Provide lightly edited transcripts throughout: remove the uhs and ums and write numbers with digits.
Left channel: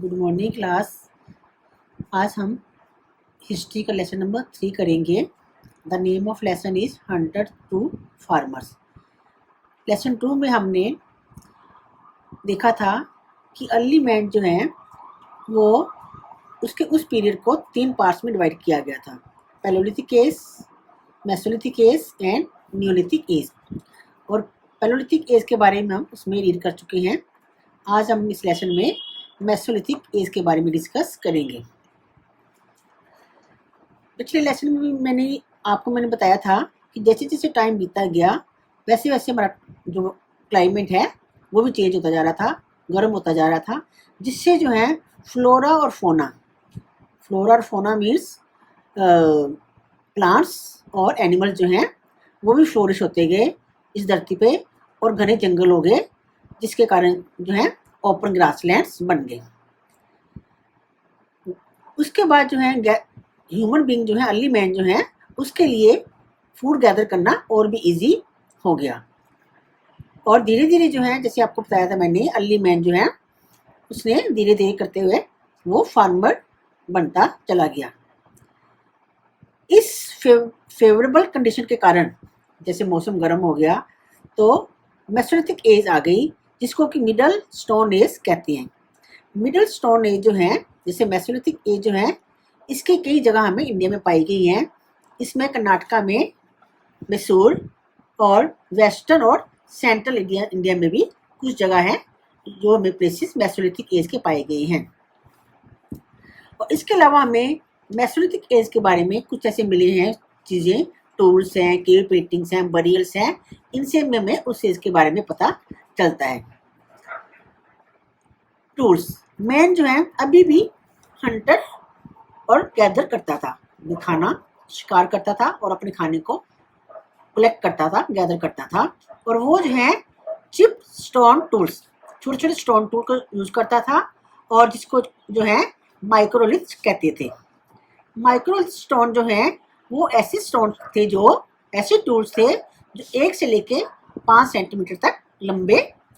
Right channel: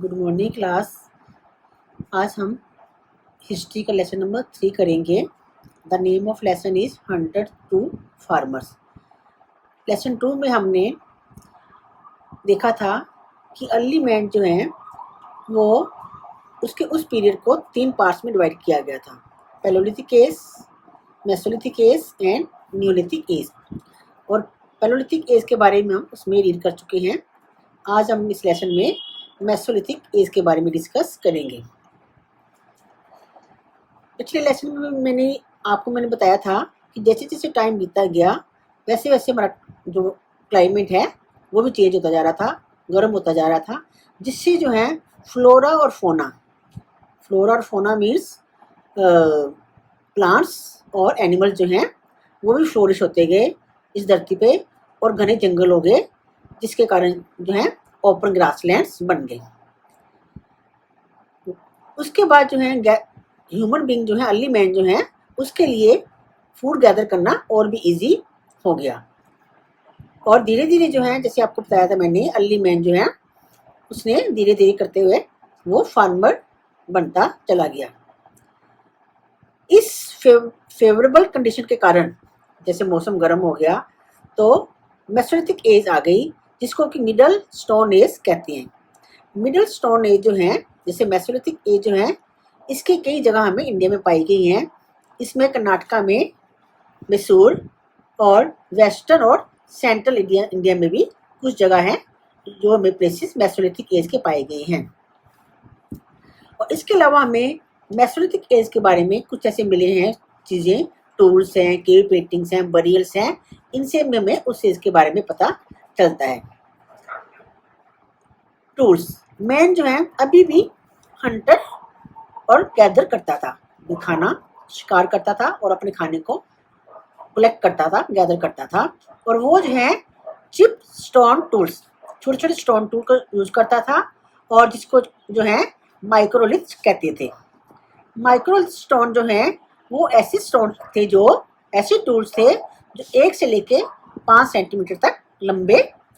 Good morning class. आज हम history का लेसन नंबर 3 करेंगे। The name of lesson is hunter to farmers. Lesson 2 में हमने देखा था कि अर्ली मैन जो है वो उसके उस पीरियड को 3 पार्ट्स में डिवाइड किया गया था। Palaeolithic age, mesolithic age and neolithic age. और पैलोलिथिक एज के बारे में हम उसमें रीड कर चुके हैं। आज हम इस लेसन में मेसोलिथिक एज के बारे में डिस्कस करेंगे। पिछले लेसन में मैंने बताया था कि जैसे जैसे टाइम बीतता गया वैसे वैसे हमारा जो क्लाइमेट है वो भी चेंज होता जा रहा था, गर्म होता जा रहा था, जिससे जो है फ्लोरा और फोना मीन्स प्लांट्स और एनिमल्स जो हैं वो भी फ्लोरिश होते गए इस धरती पे, और घने जंगल हो गए, जिसके कारण जो है ओपन ग्रासलैंड्स बन गए। उसके बाद जो है ह्यूमन बीइंग जो है, अर्ली मैन जो है, उसके लिए फूड गैदर करना और भी इजी हो गया। और धीरे धीरे जो है, जैसे आपको बताया था मैंने, अर्ली मैन जो है उसने धीरे धीरे करते हुए वो फार्मर बनता चला गया। इस फेवरेबल कंडीशन के कारण जैसे मौसम गर्म हो गया तो मेसोलिथिक एज आ गई, जिसको कि मिडल स्टोन एज कहते हैं। मिडल स्टोन एज जो है, जैसे मेसोलिथिक एज जो है, इसकी कई जगह हमें इंडिया में पाई गई हैं। इसमें कर्नाटका में मैसूर और वेस्टर्न और सेंट्रल इंडिया में भी कुछ जगह है जो हमें प्लेसेस मेसोलिथिक एज के पाए गए हैं। और इसके अलावा हमें मेसोलिथिक एज के बारे में कुछ ऐसे मिले हैं चीज़ें, टूल्स हैं, केव पेंटिंग्स हैं, बरियल्स हैं, इनसे हमें उस एज के बारे में पता चलता है। टूल्स, मैन जो है अभी भी हंटर और गैदर करता था, खाना शिकार करता था और अपने खाने को कलेक्ट करता था, गैदर करता था। और वो जो है चिप स्टोन टूल्स, छोटे छोटे स्टोन टूल को यूज करता था, और जिसको जो है माइक्रोलिथ कहते थे। माइक्रोलिथ स्टोन जो है वो ऐसे स्टोन थे, जो ऐसे टूल्स थे जो 1 से लेके 5 सेंटीमीटर तक लंबे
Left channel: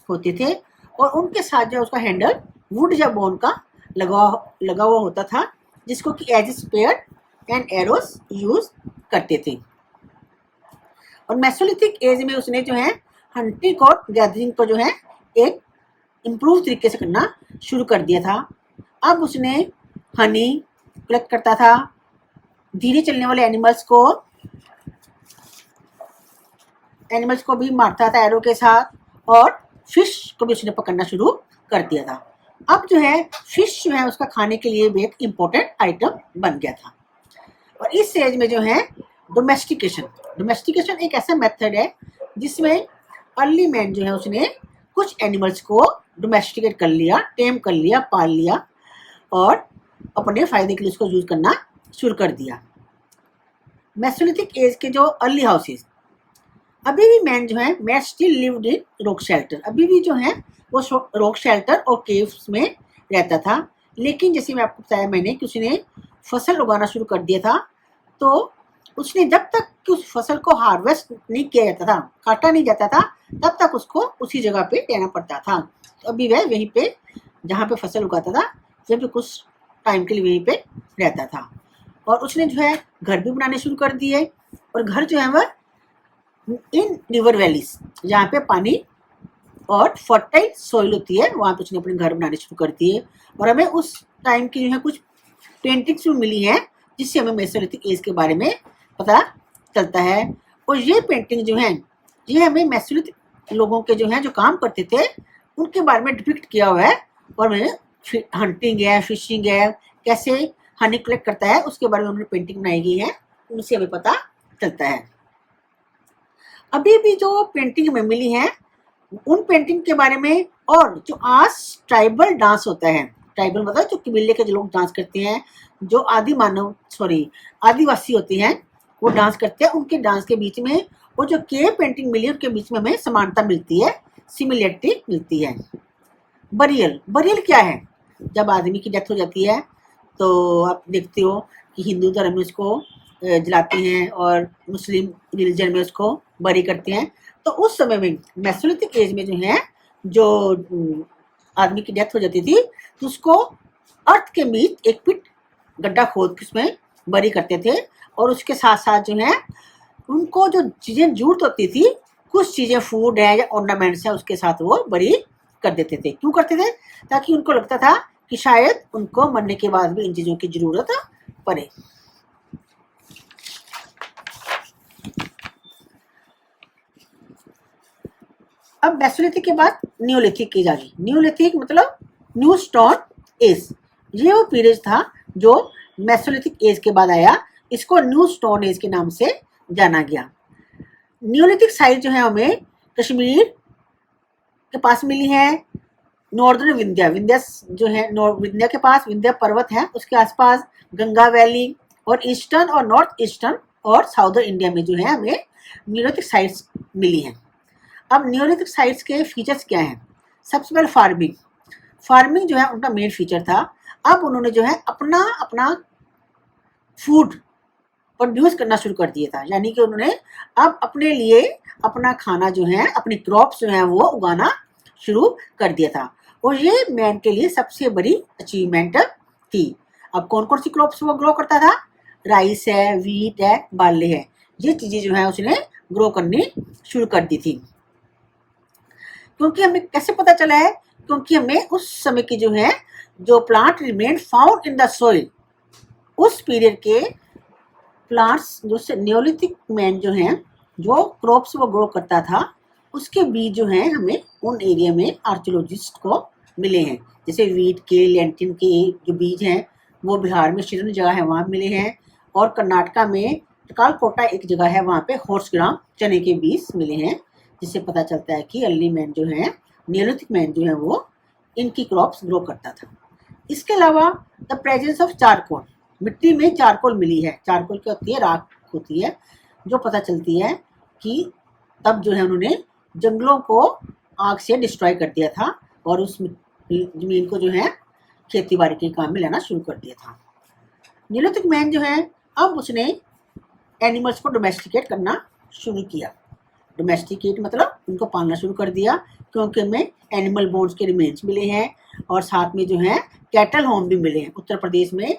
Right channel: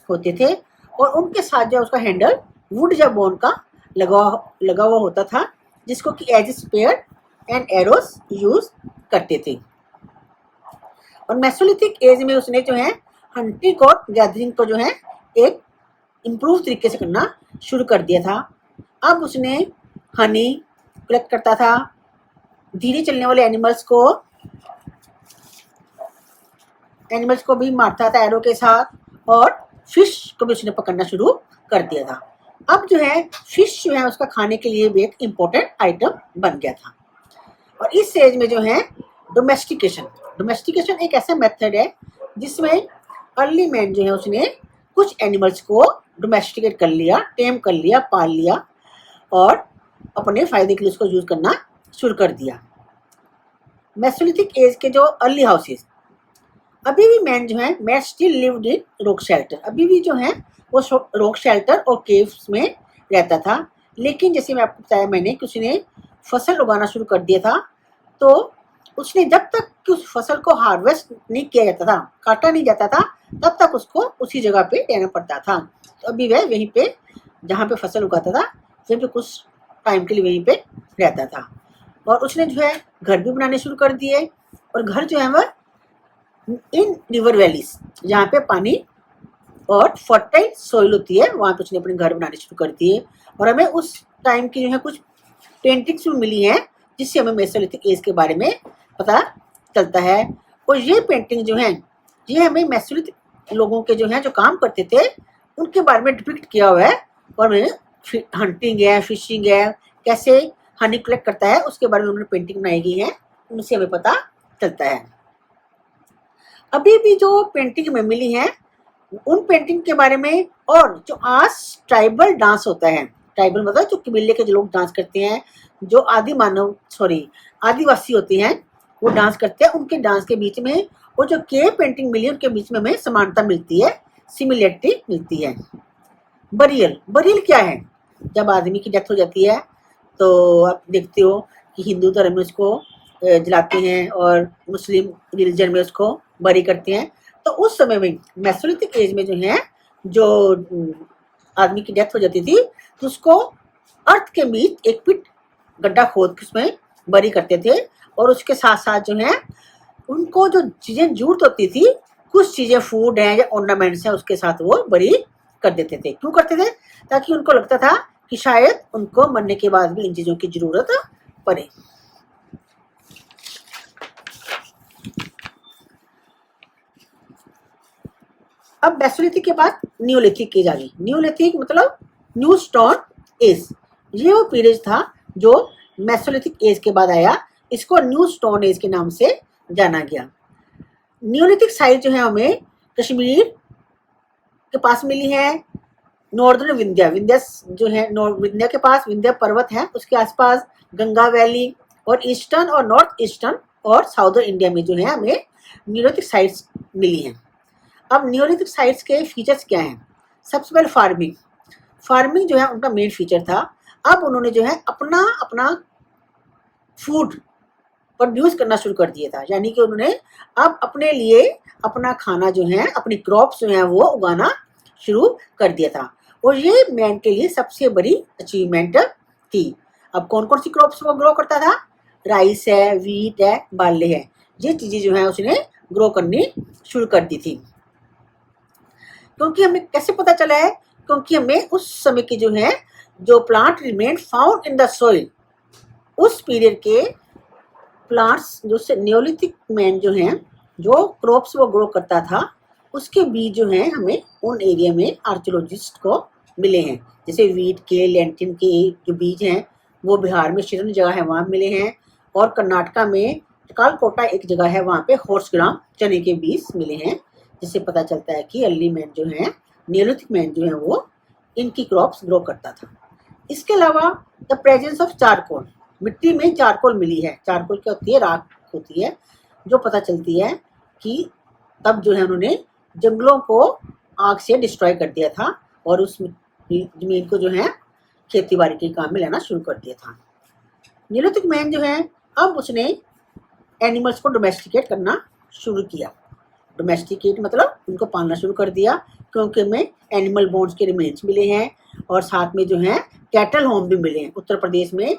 होते थे, और उनके साथ जो उसका हैंडल वुड या बोन का लगा हुआ होता था, जिसको कि as spear and arrows use करते थे। और मेसोलिथिक एज में उसने जो है हंटिंग और गैदरिंग को जो है एक इम्प्रूव तरीके से करना शुरू कर दिया था। अब उसने हनी कलेक्ट करता था, धीरे चलने वाले एनिमल्स को भी मारता था एरो के साथ, और फिश को भी उसने पकड़ना शुरू कर दिया था। अब जो है फिश जो है उसका खाने के लिए भी एक इम्पोर्टेंट आइटम बन गया था। और इस स्टेज में जो है डोमेस्टिकेशन एक ऐसा मेथड है जिसमें अर्ली मैन जो है उसने कुछ एनिमल्स को डोमेस्टिकेट कर लिया, टेम कर लिया, पाल लिया, और अपने फायदे के लिए उसको यूज करना शुरू कर दिया। मेसोलिथिक एज के जो अर्ली हाउसेस, अभी भी मैन जो है man still lived in rock shelter, अभी भी जो है वो रॉक शेल्टर और केव्स में रहता था। लेकिन जैसे मैं आपको बताया मैंने कि उसने फसल उगाना शुरू कर दिया था, तो उसने जब तक कि उस फसल को हार्वेस्ट नहीं किया जाता था, काटा नहीं जाता था, तब तक उसको उसी जगह पे रहना पड़ता था। तो अभी वह वहीं पे जहाँ पे फसल उगाता था वहीं पे कुछ टाइम के लिए वहीं पे रहता था। और उसने जो है घर भी बनाने शुरू कर दिए, और घर जो है वह इन रिवर वैलीज, जहाँ पे पानी और फर्टाइल सॉइल होती है, वहाँ पे उसने अपने घर बनाने शुरू कर दिए। और हमें उस टाइम की जो है कुछ पेंटिंग्स भी मिली हैं, जिससे हमें मेसोलिथिक एज के बारे में पता चलता है। और ये पेंटिंग जो है ये हमें मेसोलिथिक लोगों के जो हैं जो काम करते थे उनके बारे में डिपिक्ट किया हुआ है, और हंटिंग है, फिशिंग है, कैसे हनी कलेक्ट करता है, उसके बारे में उन्होंने पेंटिंग बनाई गई है, उनसे हमें पता चलता है। अभी भी जो पेंटिंग हमें मिली है उन पेंटिंग के बारे में, और जो आज ट्राइबल डांस होता है, ट्राइबल मतलब जो कबीले के जो लोग डांस करते हैं, जो आदिवासी होते हैं वो डांस करते हैं, उनके डांस के बीच में वो जो केव पेंटिंग मिली है उनके बीच में हमें समानता मिलती है, सिमिलरिटी मिलती है। बरियल क्या है? जब आदमी की डेथ हो जाती है तो आप देखते हो कि हिंदू धर्म में उसको जलाते हैं और मुस्लिम रिलीजन में उसको बरी करते हैं। तो उस समय में मेसोलिथिक एज में जो है, जो आदमी की डेथ हो जाती थी तो उसको अर्थ के बीच एक पिट गड्ढा खोद के उसमें बरी करते थे और उसके साथ साथ जो है उनको जो चीजें जरूरत होती थी, कुछ चीजें फूड है या ऑर्नामेंट्स है, उसके साथ वो बरी कर देते थे। क्यों करते थे? ताकि उनको लगता था कि शायद उनको मरने के बाद भी इन चीजों की जरूरत पड़े। अब मेसोलिथिक के बाद न्यूलिथिक की जाएगी। न्यूलिथिक मतलब न्यू स्टोन एज। ये वो पीरियड था जो मेसोलिथिक एज के बाद आया, इसको न्यू स्टोन एज के नाम से जाना गया। न्यूलिथिक साइट जो है हमें कश्मीर के पास मिली है, नॉर्दर्न विंध्या, विंध्या जो है विंध्या के पास विंध्या पर्वत है, उसके आसपास गंगा वैली, और ईस्टर्न और नॉर्थ ईस्टर्न और साउदर्न इंडिया में जो है हमें न्यूलिथिक साइट्स मिली हैं। अब न्यूलिथिक साइट्स के फीचर्स क्या हैं? सबसे पहले फार्मिंग। फार्मिंग जो है उनका मेन फीचर था। अब उन्होंने जो है अपना अपना फूड प्रोड्यूस करना शुरू कर दिया था, यानी कि उन्होंने अब अपने लिए अपना खाना जो है, अपनी क्रॉप्स जो है वो उगाना शुरू कर दिया था, और ये मैन के लिए सबसे बड़ी अचीवमेंट थी। अब कौन कौन सी क्रॉप्स वो ग्रो करता था? राइस है, वीट है, बार्ले है, ये चीजें जो है उसने ग्रो करनी शुरू कर दी थी। क्योंकि हमें कैसे पता चला है? क्योंकि हमें उस समय की जो है जो plant remain found in the soil, उस पीरियड के प्लांट्स जो न्यूलिथिक मैन जो है जो क्रॉप्स वो ग्रो करता था, उसके बीज जो हैं हमें उन एरिया में आर्कियोलॉजिस्ट को मिले हैं। जैसे वीट के, लेंटिन के जो बीज हैं वो बिहार में शिरन जगह है वहाँ मिले हैं, और कर्नाटका में कालकोटा एक जगह है वहाँ पे हॉर्स ग्राम चने के बीज मिले हैं, जिससे पता चलता है कि अर्ली मैन जो है, न्यूलिथिक मैन जो है वो इनकी क्रॉप्स ग्रो करता था। इसके अलावा द प्रेजेंस ऑफ चारकोल, मिट्टी में चारकोल मिली है। चारकोल क्या होती है? राख होती है, जो पता चलती है कि तब जो है उन्होंने जंगलों को आग से डिस्ट्रॉय कर दिया था और उस जमीन को जो है खेती बाड़ी के काम में लेना शुरू कर दिया था। न्यूलिथिक मैन जो है अब उसने एनिमल्स को डोमेस्टिकेट करना शुरू किया। डोमेस्टिकेट मतलब उनको पालना शुरू कर दिया, क्योंकि हमें एनिमल बोन्स के रिमेन्स मिले हैं, और साथ में जो है कैटल होम भी मिले हैं। उत्तर प्रदेश में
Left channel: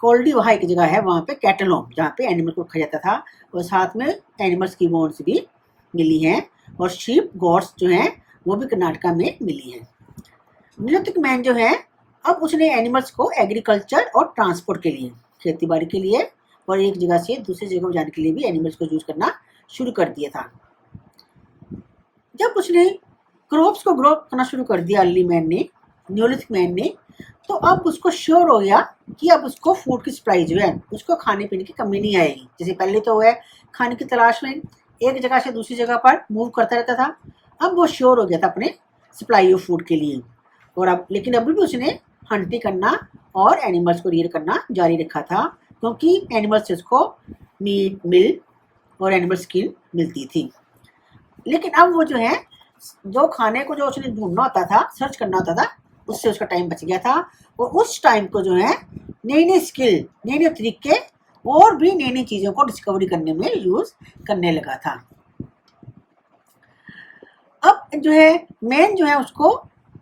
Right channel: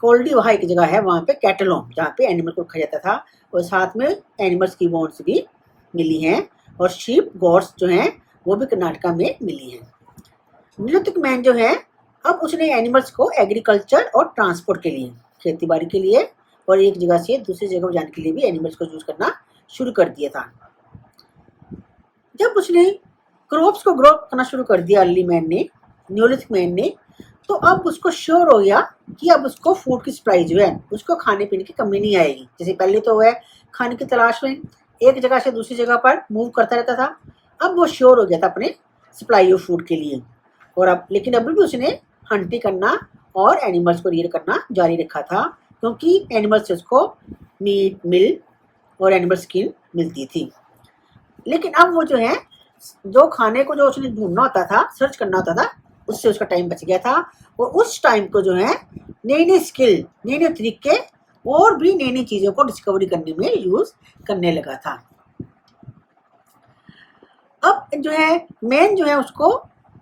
कोल्डी वहाँ एक जगह है, वहाँ पे कैटल होम जहाँ पे एनिमल को रखा जाता था, और साथ में एनिमल्स की बोन्स भी मिली हैं, और शीप गॉड्स जो हैं वो भी कर्नाटका में मिली हैं। न्यूलिथिक मैन जो है अब उसने एनिमल्स को एग्रीकल्चर और ट्रांसपोर्ट के लिए, खेती बाड़ी के लिए और एक जगह से दूसरी जगह जाने के लिए भी एनिमल्स को यूज करना शुरू कर दिया था। जब उसने क्रॉप्स को ग्रो करना शुरू कर दिया अर्ली मैन ने, न्यूलिथिक मैन ने, तो अब उसको श्योर हो गया कि अब उसको फूड की सप्लाई जो है, उसको खाने पीने की कमी नहीं आएगी। जैसे पहले तो वह खाने की तलाश में एक जगह से दूसरी जगह पर मूव करता रहता था, अब वो श्योर हो गया था अपने सप्लाई ऑफ फूड के लिए। और अब लेकिन अभी भी उसने हंटिंग करना और एनिमल्स को रियर करना जारी रखा था, क्योंकि एनिमल्स से उसको मीट, मिल्क और एनिमल स्किन मिलती थी। लेकिन अब वो जो है जो खाने को जो उसने ढूंढना होता था, सर्च करना होता था, उससे उसका टाइम बच गया था, और उस टाइम को जो है नई नई स्किल, नए नए तरीके और भी नई नई चीज़ों को डिस्कवरी करने में यूज करने लगा था। अब जो है मैन जो है उसको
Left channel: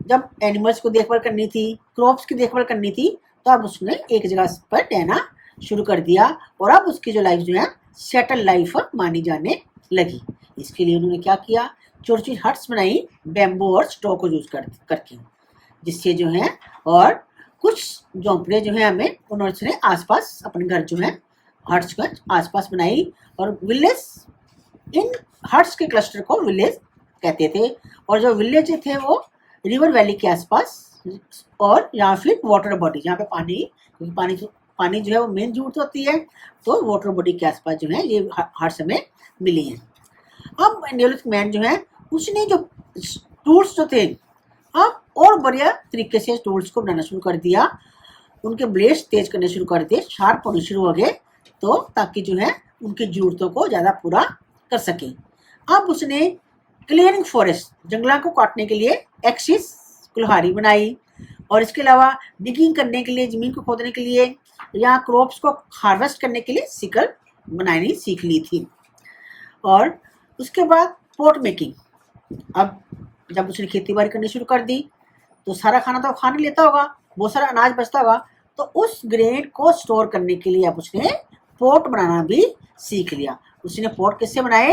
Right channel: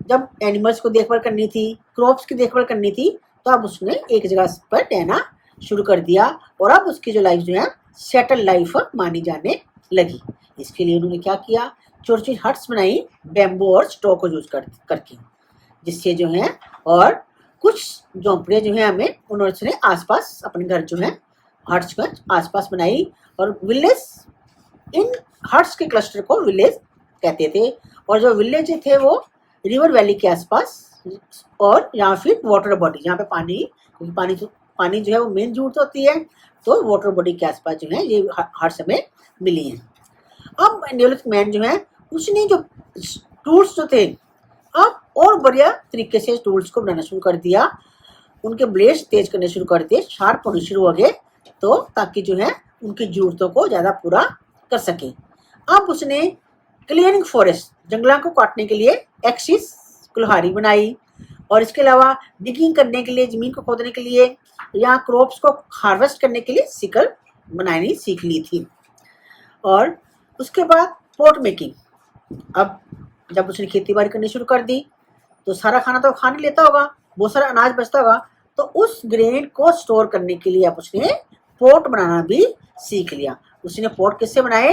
जब एनिमल्स को देखभाल करनी थी, क्रॉप्स की देखभाल करनी थी, तो अब उसने एक जगह पर रहना शुरू कर दिया, और अब उसकी जो लाइफ जो है सेटल लाइफ मानी जाने लगी। इसके लिए उन्होंने क्या किया? छोटी छोटी हट्स बनाई बैम्बू और स्टॉ को यूज करके, जिससे जो है, और कुछ झोंपड़े जो है हमें उन्होंने आसपास अपने घर जो है हट्स को आसपास बनाई, और विलेज, इन हट्स के क्लस्टर को विलेज कहते थे, और जो विलेज थे वो रिवर वैली के आसपास, और या फिर वाटर बॉडी जहाँ पे पानी, क्योंकि पानी जो है वो मेन जरूरत होती है, तो वाटर बॉडी के आसपास जो है ये हट्स हमें मिली हैं। अब न्यूलिथिक मैन जो है उसने जो टूल्स जो थे अब और बढ़िया तरीके से टूल्स को बनाना शुरू कर दिया, उनके ब्लेड्स तेज करने शुरू कर दिए, शार्प होने शुरू हो गए, तो ताकि जो है उनकी जरूरतों को ज़्यादा पूरा कर सके। अब उसने क्लियरिंग फॉरेस्ट, जंगलों को काटने के लिए एक्सिस, कुल्हाड़ी बनाई, और इसके अलावा डिगिंग करने के लिए, जमीन को खोदने के लिए, या क्रॉप्स को हार्वेस्ट करने के लिए सिकल बनानी सीख ली थी। और उसके बाद पोट मेकिंग, अब जब उसने खेती बाड़ी करनी शुरू कर दी, तो सारा खाना तो खा नहीं लेता होगा, बहुत सारा अनाज बचता होगा, तो उस ग्रेन को स्टोर करने के लिए अब उसने पोट बनाना भी सीख लिया। उसने पोट किससे बनाए?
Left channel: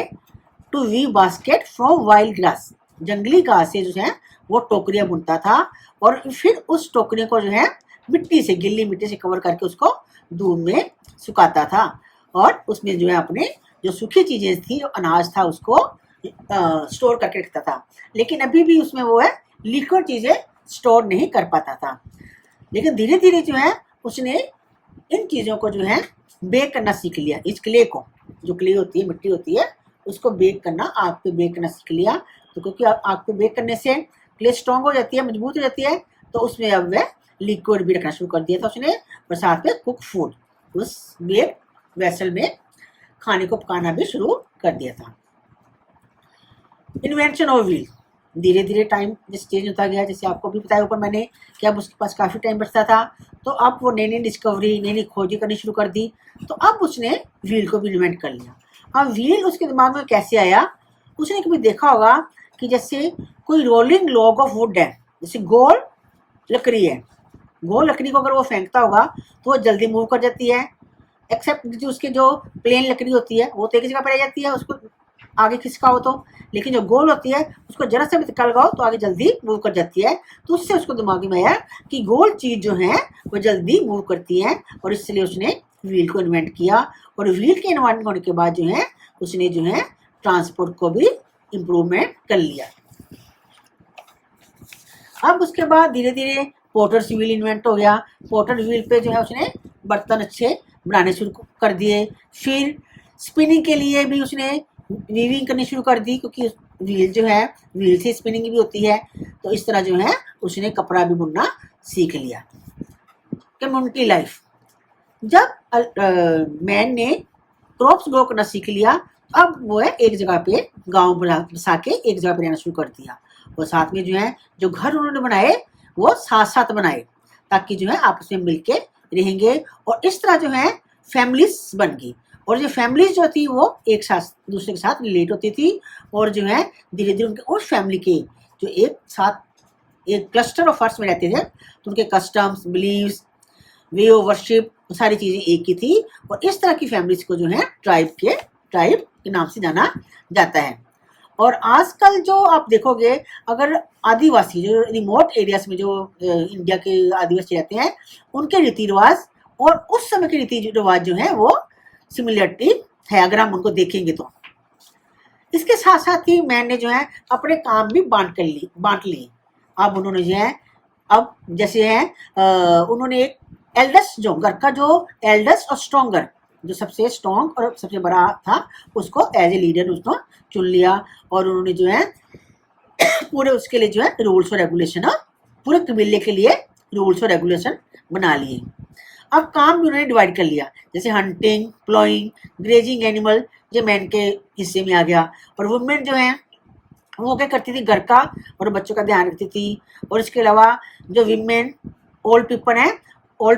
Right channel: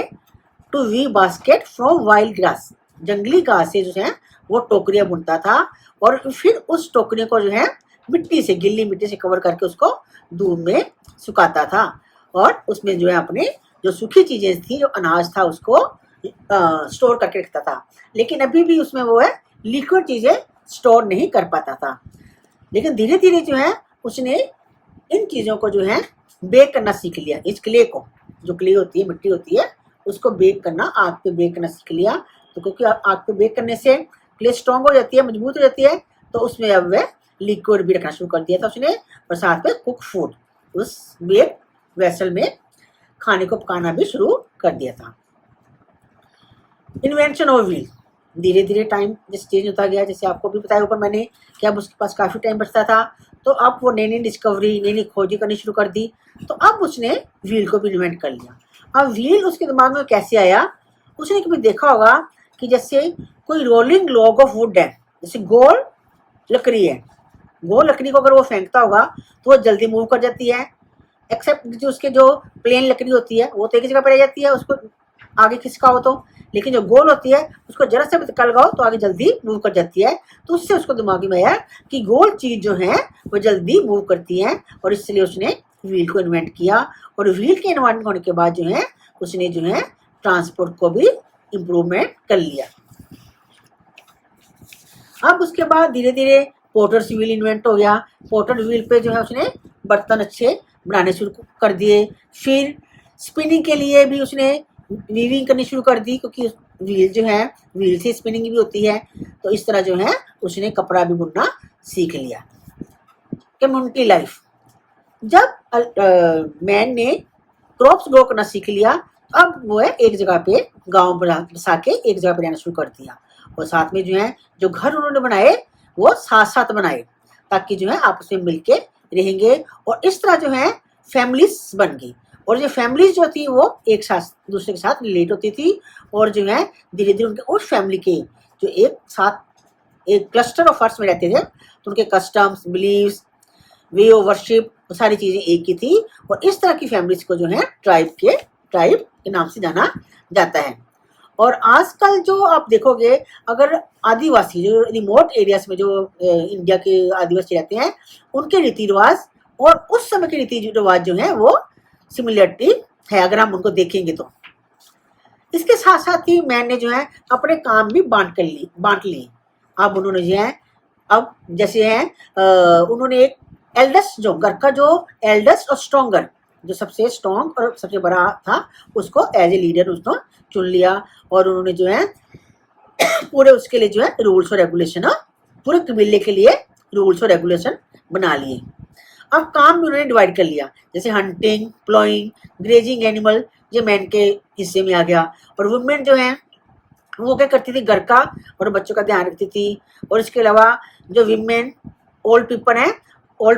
To weave basket from wild grass, जंगली घास से जो है वो टोकरियां बुनता था, और फिर उस टोकरियों को जो है मिट्टी से, गिल्ली मिट्टी से कवर करके उसको धूप में सुखाता था, और उसमें जो है अपने जो सूखी चीजें थी, जो अनाज था, उसको स्टोर करके रखता था। लेकिन अभी भी उसमें वो है लिक्विड चीजें स्टोर नहीं कर पाता था। लेकिन धीरे धीरे जो है उसने इन चीजों को जो है बेक करना सीख लिया। इस क्ले को, जो क्ले होती है, मिट्टी होती है, उसको बेक करना, आग पे बेक करना सीख लिया। तो क्योंकि आग पे बेक करने से क्ले स्ट्रॉन्ग हो जाती है, मजबूत हो जाती है, तो उसमें अब वह लिक्विड भी रखना शुरू कर दिया था उसने, और साथ में कुक फूड उस बेक वेसल में खाने को पकाना भी शुरू कर दिया था। इन्वेंशन ऑफ व्हील, धीरे धीरे टाइम जैसे चेंज होता गया, जैसे आपको भी बताया ऊपर मैंने कि अब उसके पास काफ़ी टाइम बचता था, तो अब वो नई नई डिस्कवरी, नई नई खोजी करनी शुरू कर दी। तो अब उसने व्हील को भी इन्वेंट कर लिया। अब व्हील उसके दिमाग में कैसे आया? उसने कभी देखा होगा कि जैसे कोई रोलिंग लॉग ऑफ वुड है, जैसे गोल लकड़ी है, गोल लकड़ी को अगर वो फेंकता होगा तो वो जल्दी मूव कर जाती है, एक्सेप्ट जो उसके जो प्लेन लकड़ी होती है वो तो एक जगह पर रह जाती है, उसको आगे खिसकाओ तो, लेकिन जो गोल होती है उसको जरा सा भी धक्का लगाओ तो आगे जल्दी मूव कर जाती है। तो उससे उसको दिमाग में आया कि गोल चीज जो है वो जल्दी मूव करती है, और इसलिए उसने व्हील को इन्वेंट किया। और व्हील के इन्वेंट होने के बाद जो है उसने जो है ट्रांसपोर्ट को भी इम्प्रूवमेंट कर लिया। अब उसके बाद धीरे धीरे पोटर्स व्हील इन्वेंट हो गया। पोटर व्हील पे जो है उसने बर्तन अच्छे बनाने शुरू कर दिए। फिर स्पिनिंग के लिए भी उसने वीविंग करनी शुरू कर दी, क्योंकि व्हील जो है, व्हील से स्पिनिंग भी होती है। तो इस तरह जो है उसने कपड़ा भी बुनना सीख लिया। कम्युनिटी लाइफ, जब मैन ने क्रॉप्स ग्रो करना सीख लिया, अब वो है एक जगह पे गांव बसा के एक जगह पे रहना शुरू कर दिया। और साथ में जो है जो घर उन्होंने बनाए वो साथ साथ बनाए, ताकि जो है आपस में मिलके रहेंगे। और इस तरह जो है फैमिलीज बन गई, और जो फैमिलीज जो थी वो एक साथ दूसरे के साथ रिलेट होती थी, और जो है धीरे धीरे उनके उस फैमिली के जो एक साथ एक क्लस्टर ऑफ हट्स में रहते थे, तो उनके customs, beliefs, way of worship, सारी चीजें एक ही थी। और इस तरह की फैमिलीज को जो है ट्राइब के नाम से जाना जाता है। और आजकल जो आप देखोगे, अगर आदिवासी जो रिमोट एरियाज में जो इंडिया के आदिवासी रहते हैं, उनके रीति रिवाज और उस समय के रीति रिवाज जो है वो सिमिलरिटी है, अगर हम उनको देखेंगे तो। इसके साथ साथ ही मैंने जो है अपने काम भी बांट लिए। अब उन्होंने जो है, अब जैसे है उन्होंने एक एल्डेस्ट, जो घर का जो एल्डेस्ट और स्ट्रॉन्गर, जो सबसे स्ट्रॉन्ग और सबसे बड़ा था, उसको एज ए लीडर उसको चुन लिया। और उन्होंने जो है पूरे उसके लिए जो है रूल्स और रेगुलेशन, पूरे कबीले के लिए रूल्स और रेगुलेशन बना लिए। अब काम भी उन्होंने डिवाइड कर लिया, जैसे हंटिंग, प्लॉइंग, ग्रेजिंग एनिमल, ये मैन के हिस्से में आ गया। और वुमेन जो है वो क्या करती थी, घर का और बच्चों का ध्यान रखती थी। और इसके अलावा जो विमेन ओल्ड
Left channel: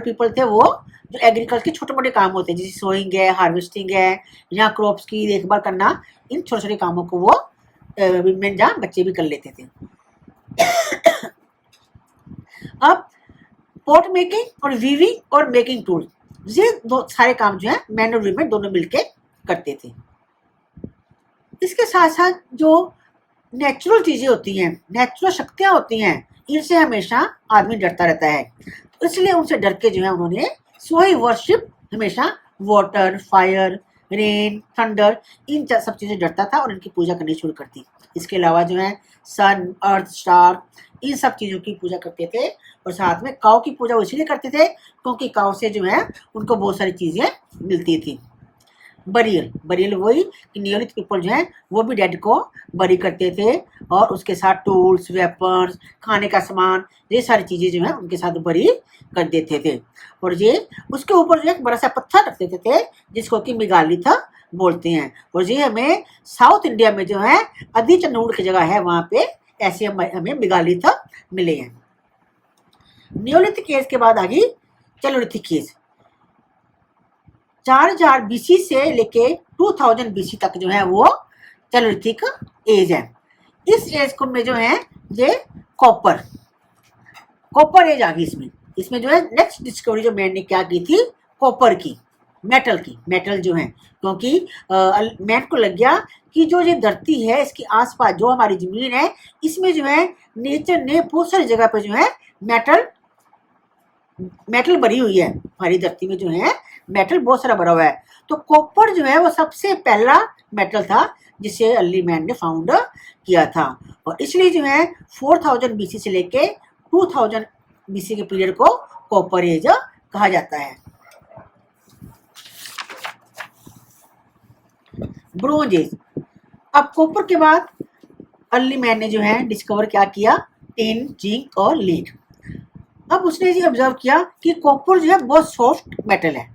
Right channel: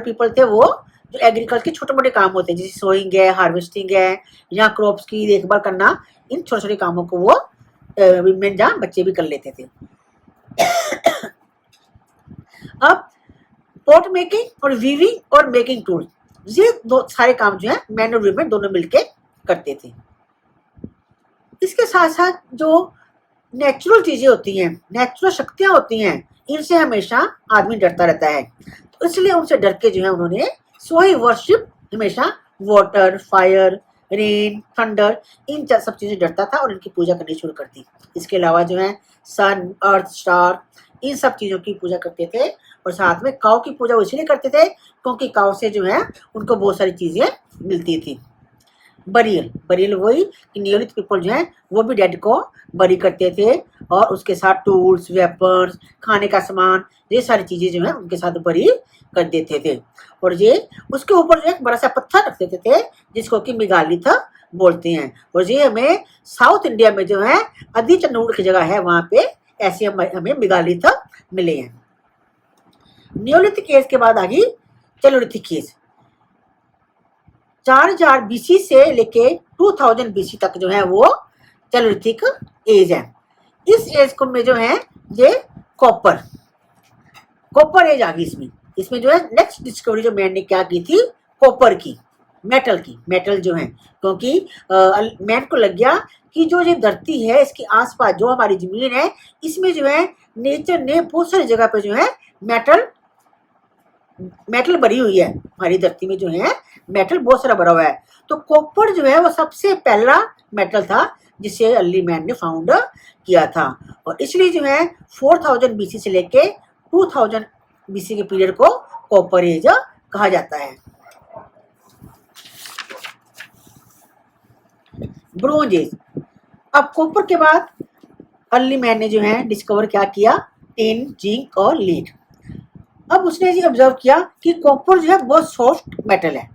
पीपल थे, वो जो एग्रीकल्चर के छोटे मोटे काम होते हैं, जैसे सोइंग है, हार्वेस्टिंग है, या क्रॉप्स की देखभाल करना, इन छोटे छोटे कामों को वो विमेन जहाँ बच्चे भी कर लेते थे। अब पोट मेकिंग और वीविंग और मेकिंग टूल, ये दो सारे काम जो है मैन और विमेन दोनों मिलके करते थे। इसके साथ साथ जो नेचुरल चीजें होती हैं, नेचुरल शक्तियां होती हैं, इनसे हमेशा आदमी डरता रहता है। तो इसलिए उनसे डर के जो है उन्होंने सो ही वर्शिप हमेशा वाटर, फायर, रेन, थंडर, इन सब चीजें डरता था और इनकी पूजा करनी शुरू कर दी। इसके अलावा जो है सन, अर्थ, स्टार, इन सब चीजों की पूजा करते थे। और साथ में काऊ की पूजा वो इसलिए करते थे क्योंकि काऊ से जो है उनको बहुत सारी चीजें मिलती थी। बरियल वही कि नियोलिथ पीपल जो है वो भी डेड को बरी करते थे, और उसके साथ टूल्स, वेपन्स, खाने का सामान, ये सारी चीजें जो है उनके साथ बरी कर देते थे। और ये उसके ऊपर जो एक बड़ा सा पत्थर रख देते थे जिसको कि मेगालिथ बोलते हैं। और ये हमें साउथ इंडिया में जो है अदी चंदूड़ की जगह है, वहां पे ऐसे हमें मेगालिथ मिले हैं। नियोलिथिक एज के बाद आ गई चैलोलिथिक एज। 4000 बीसी से लेके 2000 बीसी तक जो है वो चैलोलिथिक एज है। इस एज को में जो है ये कॉपर कॉपर एज आ गई इसमें। इसमें जो है नेक्स्ट डिस्कवरी जो मैन ने क्या की थी, कॉपर की, मेटल की, मेटल जो है, क्योंकि मैन को लग गया कि जो ये धरती है इसके आसपास जो हमारी जमीन है इसमें जो है नेचर ने बहुत सारी जगह पे जो है मेटल भरी हुई है, हमारी धरती में जो है मेटल बहुत सारा भरा हुआ है। तो कॉपर जो है वो सबसे पहला मेटल था जिसे अर्ली मैन ने फाउंड किया था, और इसलिए जो है 4000 बीसी से लेके 2000 बीसी के पीरियड को कॉपर एज कहा जाता है। Bronze as. अब कॉपर के बाद अर्ली मैन ने जो है डिस्कवर क्या किया, टिन, जिंक और लीड। अब उसने ये ऑब्जर्व किया कि कॉपर जो है बहुत सॉफ्ट मेटल है,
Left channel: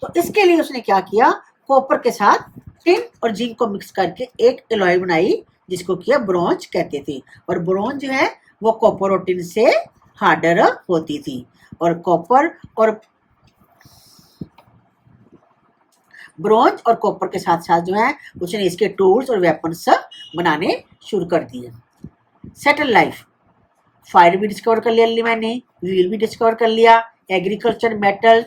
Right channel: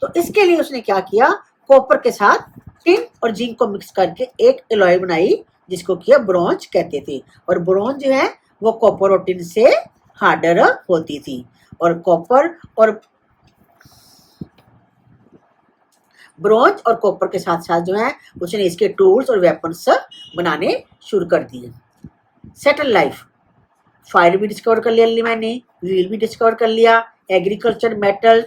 तो इसके लिए उसने क्या किया, कॉपर के साथ टिन और जिंक को मिक्स करके एक एलॉय बनाई जिसको किया ब्रोंज कहते थे। और ब्रोंज जो है वो कॉपर और टिन से हार्डर होती थी, और कॉपर और ब्रोंज और कॉपर के साथ साथ जो है उसने इसके टूल्स और वेपन्स बनाने शुरू कर दिए। सेटल लाइफ, फायर भी डिस्कवर कर लिया अर्ली मैन ने, व्हील भी डिस्कवर कर लिया, एग्रीकल्चर, मेटल,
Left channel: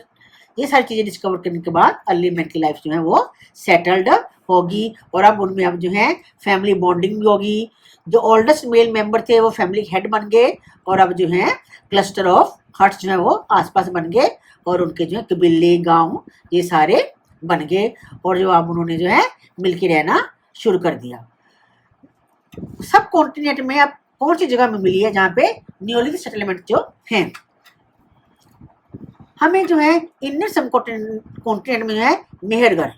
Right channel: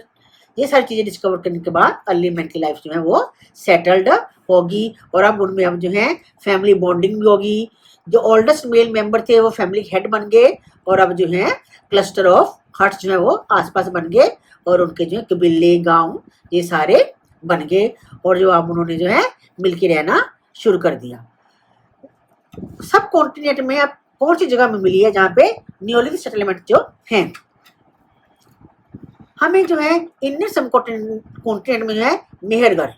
ये सारी चीजें डिस्कवर करने के बाद अर्ली मैन की लाइफ जो है वो सेटल्ड होगी, और अब उनमें अब जो है फैमिली बॉन्डिंग भी होगी। जो ओल्डेस्ट मेल मेंबर थे वो फैमिली हेड बन गए, और अब जो है क्लस्टर ऑफ हट्स जो है वो आसपास बन गए, और उनके जो है कबीले, गांव ये सारे बन गए, और जो अब उन्होंने जो है मिलके रहना शुरू कर दिया। सब कॉन्टिनेंट में अब कौन सी जगह में मिली है जहाँ पे नियोलिथिक सेटलमेंट जो हैं, हमें जो है इंडियन सब कॉन्टिनेंट में जो है मेहरगढ़,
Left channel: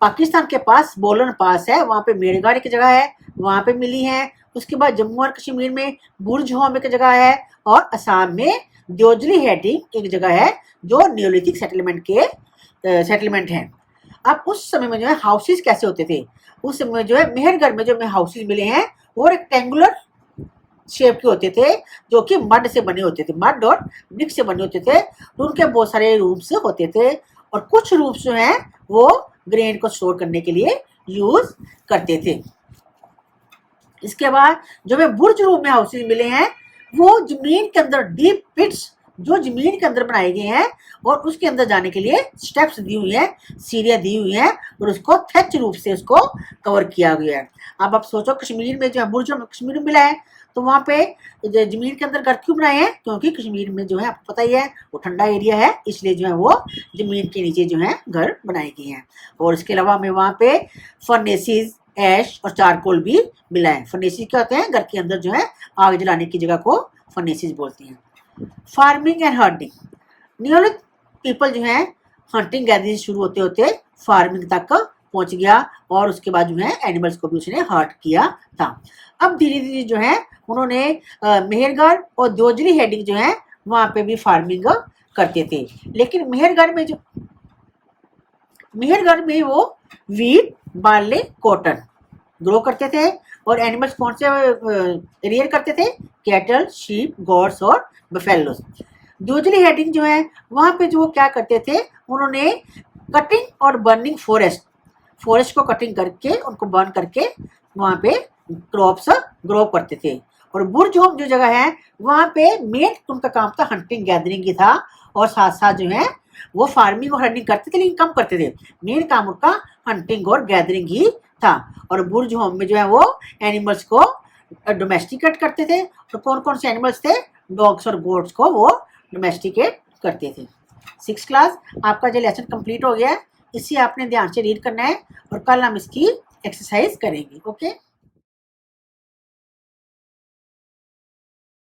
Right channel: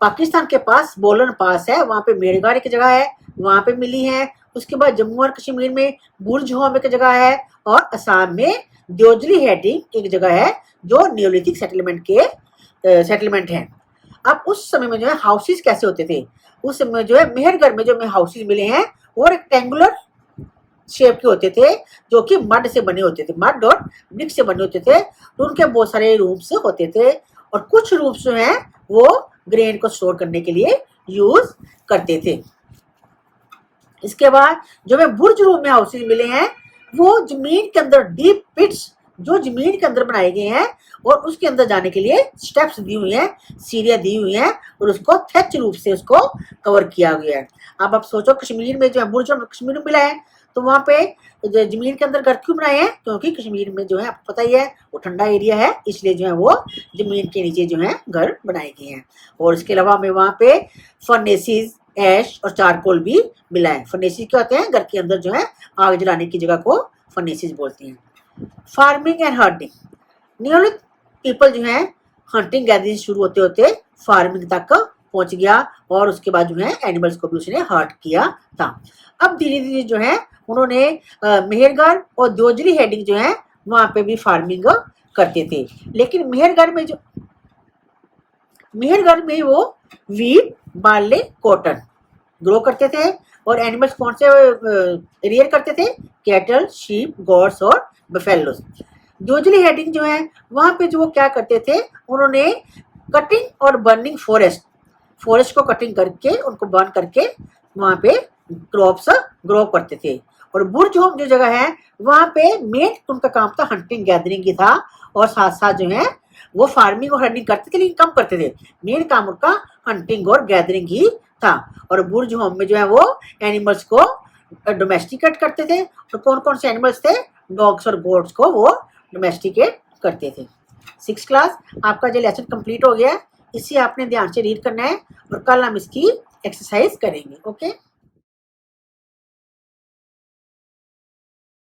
पाकिस्तान के पास बोलन पास है, वहाँ पे मेहरगढ़ एक जगह है, वहाँ पे मिली है। उसके बाद जम्मू और कश्मीर में बुर्ज होम एक जगह है, और असम में द्योजली हेडिंग एक जगह है जो नियोलिथिक सेटलमेंट है। अब उस समय में जो है हाउसेस कैसे होते थे, उस समय जो है मेहरगढ़ में जो हमें हाउसेस मिले हैं वो रेक्टेंगुलर शेप के होते थे, जो कि मड से बने होते थे, मड और ब्रिक से बने होते थे। तो उनके बहुत सारे रूम्स होते थे, और कुछ रूम्स जो हैं वो ग्रेन को स्टोर करने के लिए यूज करते थे। इसके बाद जो हमें बुर्ज रूप में हाउसेज मिले हैं वो जमीन के अंदर डीप पिट्स जो जमीन के अंदर बनाए गए हैं, और उसके अंदर जाने के लिए स्टेप्स दी हुई हैं, सीढ़ियां दी हुई हैं, और उसको थैच रूप से उसको कवर किया गया है। अब आप सोचो कश्मीर में जो है बुर्ज कश्मीर में मिला है, तो वहाँ पे जमीन के अंदर घर क्यों बनाए हैं, क्योंकि कश्मीर में जो है आपको पता ही है वो ठंडा एरिया है, इसलिए जो है वो जमीन के नीचे जो है घर बनाए गए हैं। और इसके अलावा हमें वहाँ पे फर्नेसिस, ऐश और चारकोल भी मिला है। फर्नेसिस क्या होते हैं, घर के अंदर जो है आग जलाने की जगह को फर्नेसिस बोलते हैं। Farming and hunting, Neolithic people जो है हंटिंग गैदरिंग शुरू होते होते फार्मिंग तक पहुंच गया, और उसके बाद जो है एनिमल्स को भी उसने हर्ट किया था। अब धीरे धीरे जो है उन्होंने मेहरगढ़ और द्योजली हेडिंग जो है वहां पे भी फार्मिंग करते थे, लेकिन मेहरगढ़ में वो वीट, बार्ले, कॉटन ग्रो करते थे, और एनिमल्स कौन से रियर करते थे, कैटल, शीप, गॉड्स और बफेलोस। द्योजली हेडिंग जो है वहां पे जो वो क्या करते थे, उन्होंने कटिंग और बर्निंग फॉरेस्ट को कटिंग करके उनको बर्न करके वहां पे क्रॉप्स ग्रो करते थे। और बुर्ज होम जो जगह है वहां पे मेन उनका काम था हंटिंग गैदरिंग की था, और साथ साथ जो है वो फार्मिंग और हंटिंग करते थे लेकिन कम करते थे, मेन काम उनका हंटिंग और गैदरिंग ही था। और बुर्ज होम में जो है वो एनिमल्स को डोमेस्टिकेट करते थे, तो कौन कौन से एनिमल्स थे, डॉग्स और गोट्स को वो डोमेस्टिकेट करते थे। 6th क्लास आपका जो लेसन कंप्लीट हो गया है, इसे आपने ध्यान से रीड करना है, और कल हम इसकी एक्सरसाइज करेंगे। ओके।